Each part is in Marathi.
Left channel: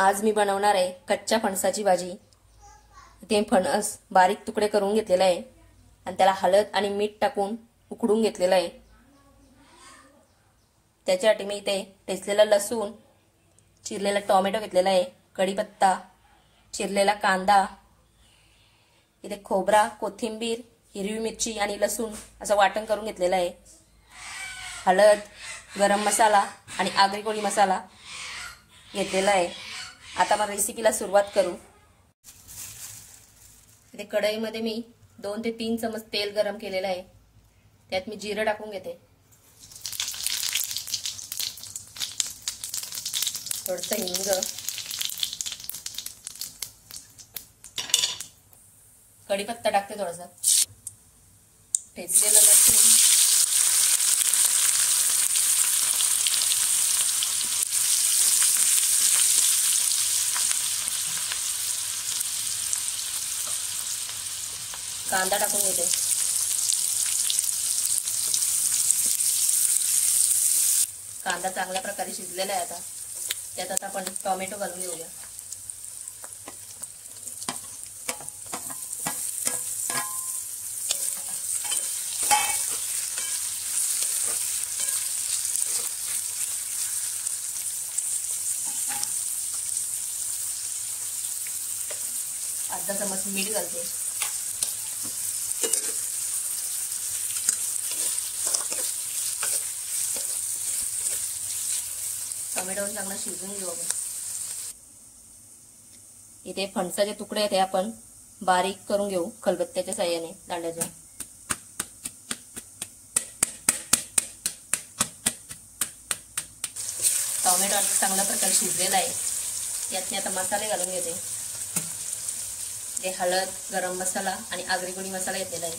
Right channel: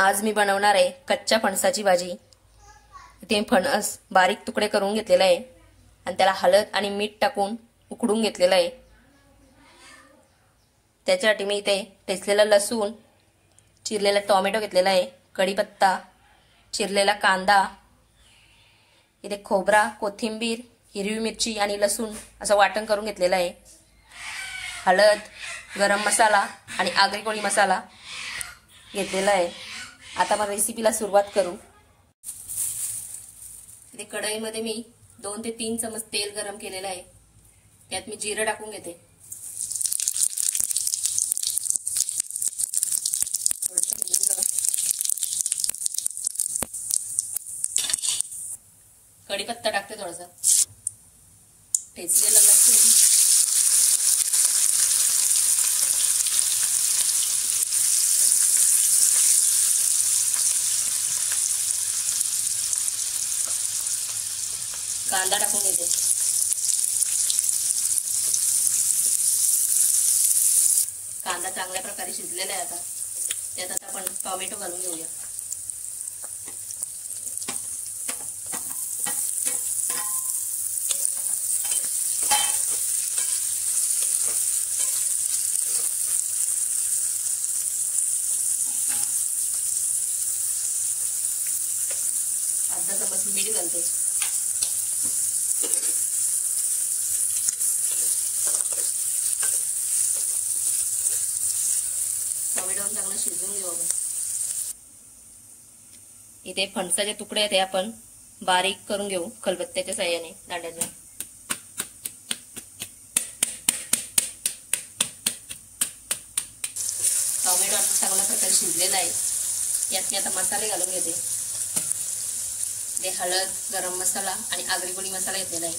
आज मी बनवणार आहे कच्च्या फणसाची भाजी। इथे फणस बारीक तुकडे करून घेतलेला आहे आणि त्याला हळद आणि मीठ टाकून उकडून घेतलेला आहे। त्याच्यासाठी मी इथे ठेचलेला लसूण, चिरलेला टोमॅटो घेतलेला आहे, कढीपत्ता, चिरलेला कांदा, इथे खोबरा, कोथिंबीर, हिरवी मिरची आणि लसूण असं वाटण करून घेतलेला आहे। हळद, गरम मसाला आणि आगरी कोळी मसाला घेतलेला आहे। आता आपण रेसिपीला सुरुवात करू। इथे कढईमध्ये मी 2 ते 3 चमच तेल गरम केलेलं आहे। त्यात मी जिरं टाकून घेते, थोडंसं हिंग, कढीपत्ता टाकते, थोडासा ठेचलेलं लसूण, कांदा टाकून घेते। कांदा चांगल्या प्रकारे शिजलेला आहे। आता त्यात आपण टोमॅटो घालून घेऊया। अर्धा चमच मीठ घालते। टोमॅटो चांगला शिजवून घेऊ आपण। इथे फणसाचे तुकडे आहेत, आपण बारीक करून घेऊ खलबत्त्याच्या साहाय्याने, दांड्याच्या। टोमॅटो आता चांगल्या प्रकारे शिजलेला आहे। यात मी आता मसाले घालून घेते। हळद, गरम मसाला आणि आगरी कोळी मसाला घेतलेला आहे।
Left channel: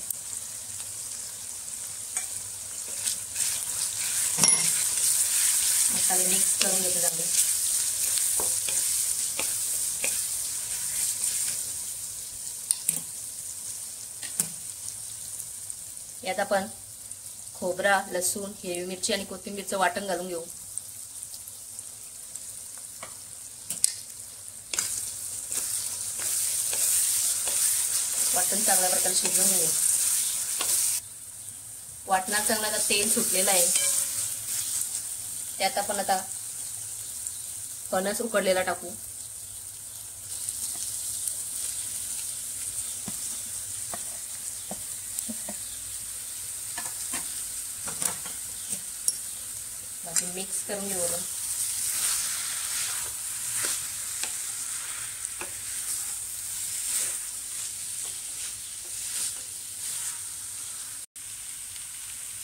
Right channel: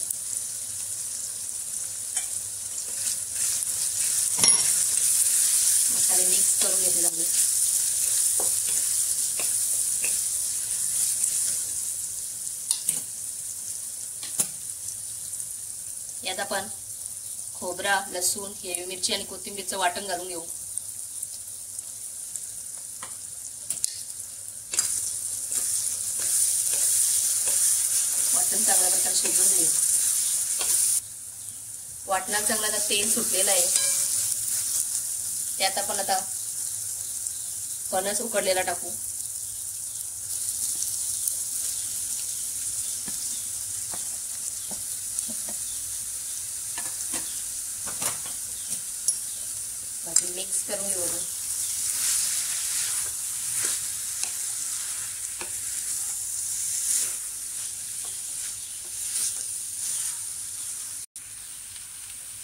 मसाले मिक्स करून घेते चांगले। यात आपण खोबरा, लसूण, हिरवी मिरची आणि कोथिंबीरचं वाटण घालून घेऊ। वाटण चांगल्या प्रकारे शिजवून घेऊ। वाटणात चांगला तेल सुटलेलं आहे। त्यात आपण आता फणस उकडलेला टाकू। मिक्स करून घेऊ।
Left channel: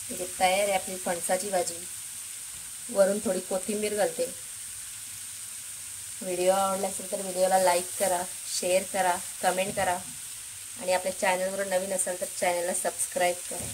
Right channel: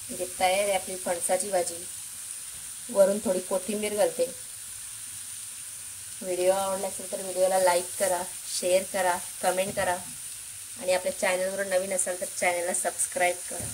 इथे तयार आहे आपली फणसाची भाजी। वरून थोडी कोथिंबीर घालते। व्हिडिओ आवडला असेल तर व्हिडिओला लाईक करा, शेअर करा, कमेंट करा आणि आपल्या चॅनलवर नवीन असाल तर चॅनलला सबस्क्राईब करा।